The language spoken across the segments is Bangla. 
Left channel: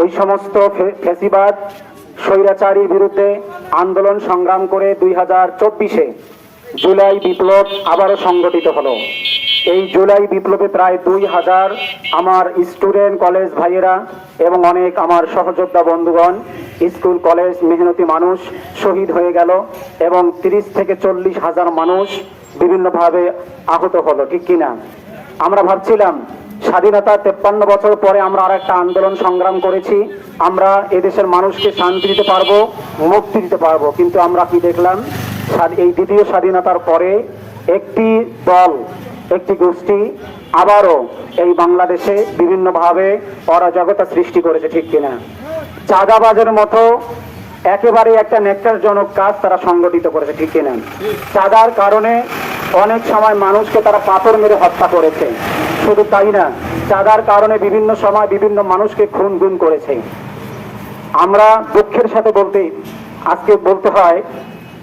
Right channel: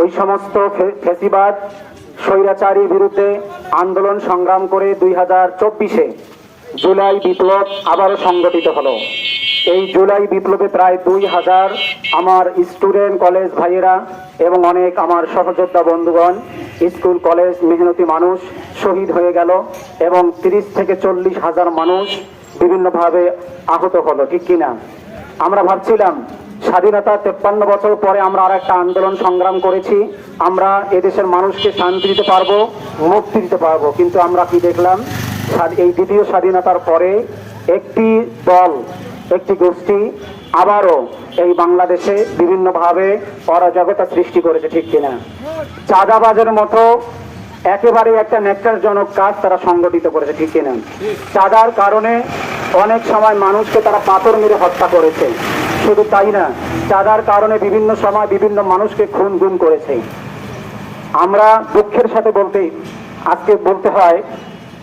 ওই সমস্ত ফেসিবাদ, স্বৈরাচারীর বিরুদ্ধে আন্দোলন সংগ্রাম করে দুই হাজার চব্বিশে জুলাই বিপ্লব আবারও সংগঠিত হলো। এই জুলাই বিপ্লবে প্রায় দুই হাজার আমার স্টুডেন্ট কলেজ ভাইয়েরা এবং অনেক আমার সহযোদ্ধা বন্ধুগণ, স্কুল, কলেজ, মেহনতি মানুষ শহীদ হয়ে গেল এবং তিরিশ থেকে চল্লিশ হাজার মানুষ বিভিন্নভাবে আহত হলো, ঠিক কিনা? আমরা ভাবছিলাম স্বাধীনতা তেপ্পান্ন বছর পরে আমরা আর একটা আন্দোলন সংগ্রাম করেছি। আমরা এদেশের মানুষকে শান্তি দিতে পারব, মুক্তি দিতে পারব। কিন্তু আমরা কি দেখলাম? এই দ্বিতীয় স্বাধীনতার পরে একটি দল, একটি গোষ্ঠী আবারও এই বাংলাদেশে বিভিন্নভাবে অরাজকতা সৃষ্টি করেছে, ঠিক কিনা? চাঁদাবাজের মতো একেবারে একটা নেকটারজনক কাজ তারা সংগঠিত করেছে, ঠিক কিনা? চাঁদার কারণে অনেক সময় মানুষকে তারা পাথর মেরে হত্যা করেছে। শুধু তাই না, চাঁদার কারণে বিভিন্ন সময় বিভিন্ন মানুষকে খুন গুম করেছে। আমরা দুঃখের সাথে বলতে, আজকে বলতে হয়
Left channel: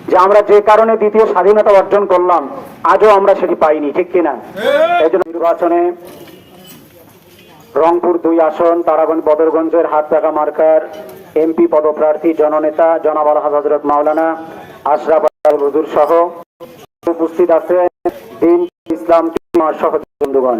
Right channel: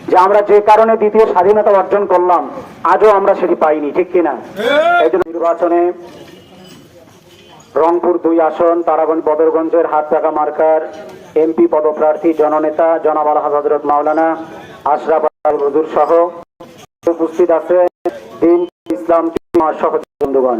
যে আমরা যে কারণে দ্বিতীয় স্বাধীনতা অর্জন করলাম, আজও আমরা সেটি পাইনি, ঠিক কিনা? এই জন্য নির্বাচনে রংপুর দুই আসন, তারাগঞ্জ বদরগঞ্জের হাত টাকা মার্কার এমপি পদপ্রার্থী, জননেতা, জনাব আল হজরত মাওলানা আশরাফ আল হুজুর সহ উপস্থিত আছে ইসলাম বন্ধুগণ।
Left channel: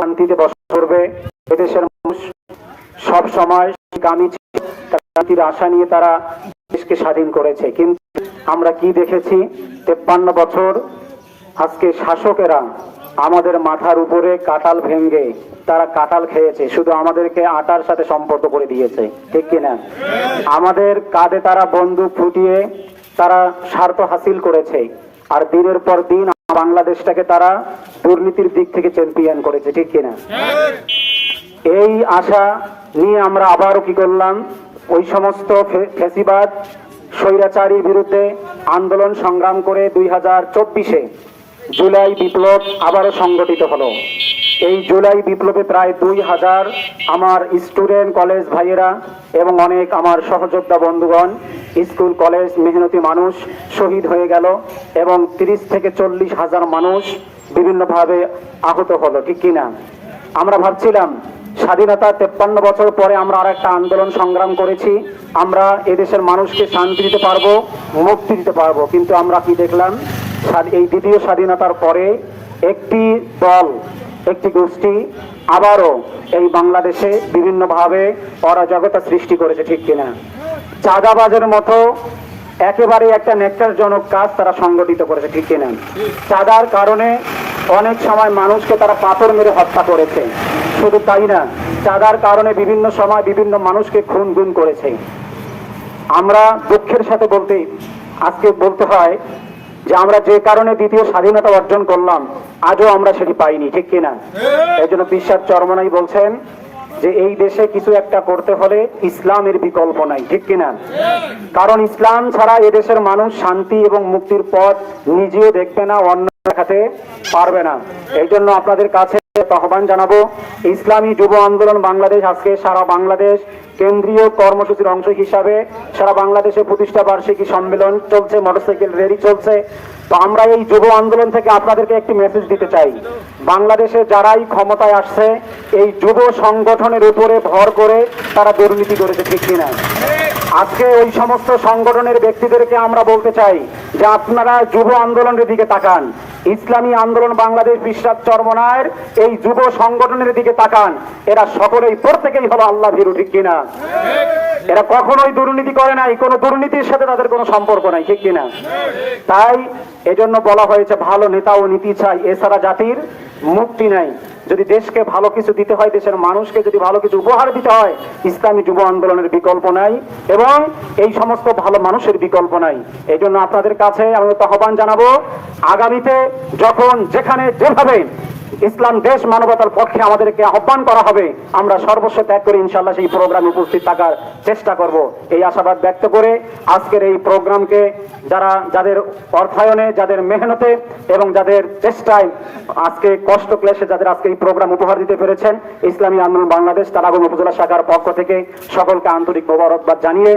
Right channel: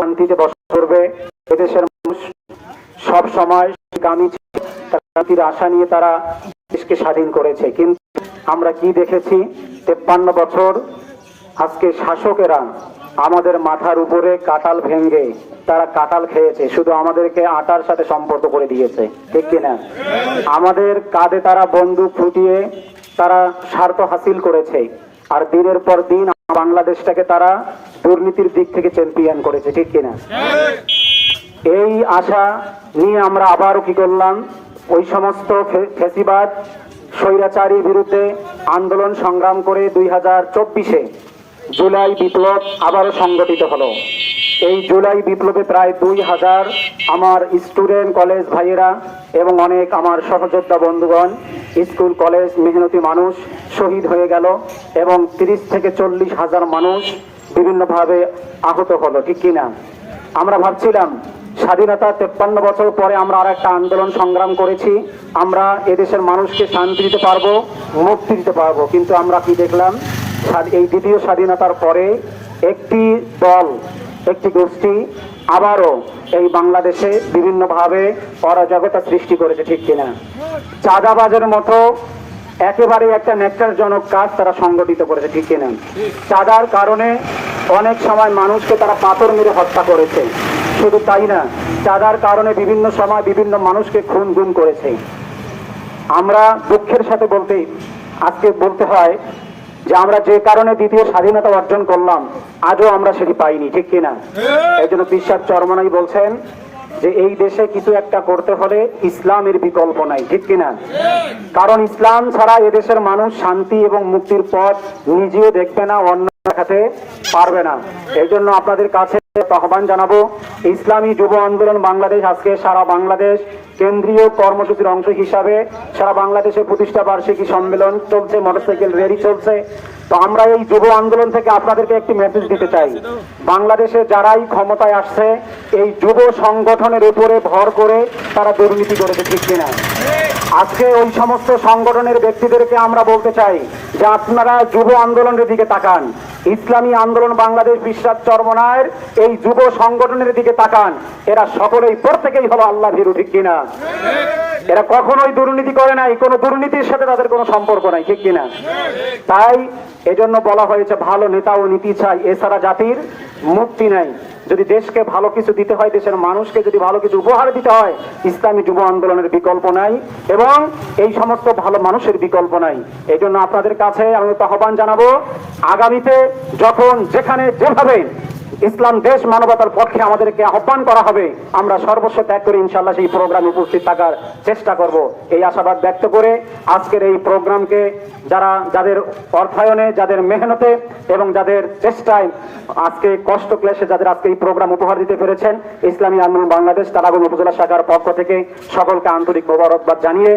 শান্তিতে বসবাস করবে। এদেশের মানুষ সব সময় গামী শান্তির আশা নিয়ে তারা দেশকে স্বাধীন করেছে। কিন্তু আমরা কি দেখেছি? তেপ্পান্ন বছর আজকে শাসকেরা আমাদের মাথার উপরে কাটাল ভেঙ্গে তারা কাটাল খেয়েছে। শুধু আমাদেরকে আটার সাথে সম্পর্ক করে দিয়েছে। ঠিক কিনা আমাদের কাঁধে তারা বন্দুক ফুটিয়ে তারা স্বার্থ হাসিল করেছে। আর দিনের পর দিন বাংলাদেশটাকে তারা দুর্নীতির দিক থেকে চ্যাম্পিয়ন করেছে, ঠিক কিনা? এই আশা নিয়ে আমরা আবারও কি করলাম? ওই সমস্ত ফেসিবাদ স্বৈরাচারীর বিরুদ্ধে আন্দোলন সংগ্রাম করে দুই হাজার চব্বিশে জুলাই বিপ্লব আবারও সংগঠিত হলো। এই জুলাই বিপ্লবে প্রায় দুই হাজার আমার স্টুডেন্ট কলেজ ভাইয়েরা এবং অনেক আমার সহযোদ্ধা বন্ধুগণ, স্কুল, কলেজ, মেহনতি মানুষ শহীদ হয়ে গেল এবং তিরিশ থেকে চল্লিশ হাজার মানুষ বিভিন্নভাবে আহত হলো, ঠিক কিনা আমরা ভাবছিলাম, স্বাধীনতা তেপ্পান্ন বছর পরে আমরা আর একটা আন্দোলন সংগ্রাম করেছি, আমরা এদেশের মানুষকে শান্তি দিতে পারব, মুক্তি দিতে পারব, কিন্তু আমরা কি দেখলাম? এই দ্বিতীয় স্বাধীনতার পরে একটি দল একটি গোষ্ঠী আবারও এই বাংলাদেশে বিভিন্নভাবে অরাজকতা সৃষ্টি করেছে, ঠিক কিনা? চাঁদাবাজের মতো একেবারে একটা নেকটারজনক কাজ তারা সংগঠিত করেছে, ঠিক কিনা? চাঁদার কারণে অনেক সময় মানুষকে তারা পাথর মেরে হত্যা করেছে। শুধু তাই না, চাঁদার কারণে বিভিন্ন সময় বিভিন্ন মানুষকে খুন গুম করেছে। আমরা দুঃখের সাথে বলতে, আজকে বলতে হয় যে আমরা যে কারণে দ্বিতীয় স্বাধীনতা অর্জন করলাম আজও আমরা সেটি পাইনি ঠিক কিনা এই জন্য বিশ্বাস চরমনাই বলছেন যে এই দেশে কিছু একটা করতে হলে ইসলামের বিকল্প নাই ঠিক কিনা কারণ ইসলাম ছাড়া এদেশের মানুষ শান্তি এবং মুক্তির পথ নিজে দেখবে না অন্য দেখাতে পারবে না। এই জন্য আপনাদের কাছে আহ্বান জানাব? ইসলামী যুব আন্দোলন বাংলাদেশ আজকে সারা বাংলাদেশ কেন্দ্রীয় কর্মসূচির অংশ হিসাবে সারা বাংলাদেশে প্রতিষ্ঠা বার্ষিকী সম্মেলন চলছে, মোটরসাইকেল র্যালি চলছে। তো আমরা এই যুব আন্দোলন থেকে আপনাদেরকে একটি মেসেজ দিতে চাই। বাংলাদেশে যারাই ক্ষমতায় আসছে, এই যুব সংগঠনের উপরে ভর করে তারা দুর্নীতি করেছে, ঠিক কিনা? আজকে ওই সমস্ত সংগঠনের ব্যক্তিদেরকে আমরা বলতে চাই যে আপনারা যুব আন্দোলনের দিকে তাকান। ইসলামী আন্দোলন বাংলাদেশ বিশ্বাস চরমনায়ের এই যুব সংগঠনের দিকে তাকান। এরা সকলেই প্রত্যেকেই হলো আল্লাহ ভীরু, ঠিক কিনা? এরা কখনোই দুর্নীতি করে নাই, কোনো দুর্নীতির সাথে তাদের কোনো সম্পর্ক নাই, ঠিক কিনা? তাই এজন্য বলা হয়েছে, ভালো নেতা ও নীতি চাই, এছাড়া জাতির মুক্তি নাই। যদি দেশকে ভালো কিছু দিতে হয়, দেশের মানুষকে যদি ভালো কিছু উপহার দিতে হয়, ইসলামী যুব আন্দোলনের বিকল্প নাই এবং এই সমস্ত ভালো মানুষের বিকল্প নাই। এই জন্য আপনাদের কাছে আমি তো আহ্বান জানাব, আগামীতে যখন যেখানে যেভাবে ইসলাম দেশ মানবতার পক্ষে আমাদেরকে আহ্বান করা হবে। আমরা সর্বস্ব ত্যাগ করে ইনশাল্লাহ সেই প্রোগ্রামে উপস্থিত থাকার চেষ্টা করব। এই আশাবাদ ব্যক্ত করে আজকের এই প্রোগ্রামকে যারা, যাদের অর্থায়নে, যাদের মেহনতে এবং যাদের চেষ্টায় আজকে কষ্ট ক্লেশে যাদের আজকে এই প্রোগ্রাম উপহার দিতে পেরেছেন, ইসলামী আন্দোলন বাংলাদেশ তারাবং উপজেলা শাখার পক্ষ থেকে সকলকে আন্তরিক মোবারকবাদ জানিয়ে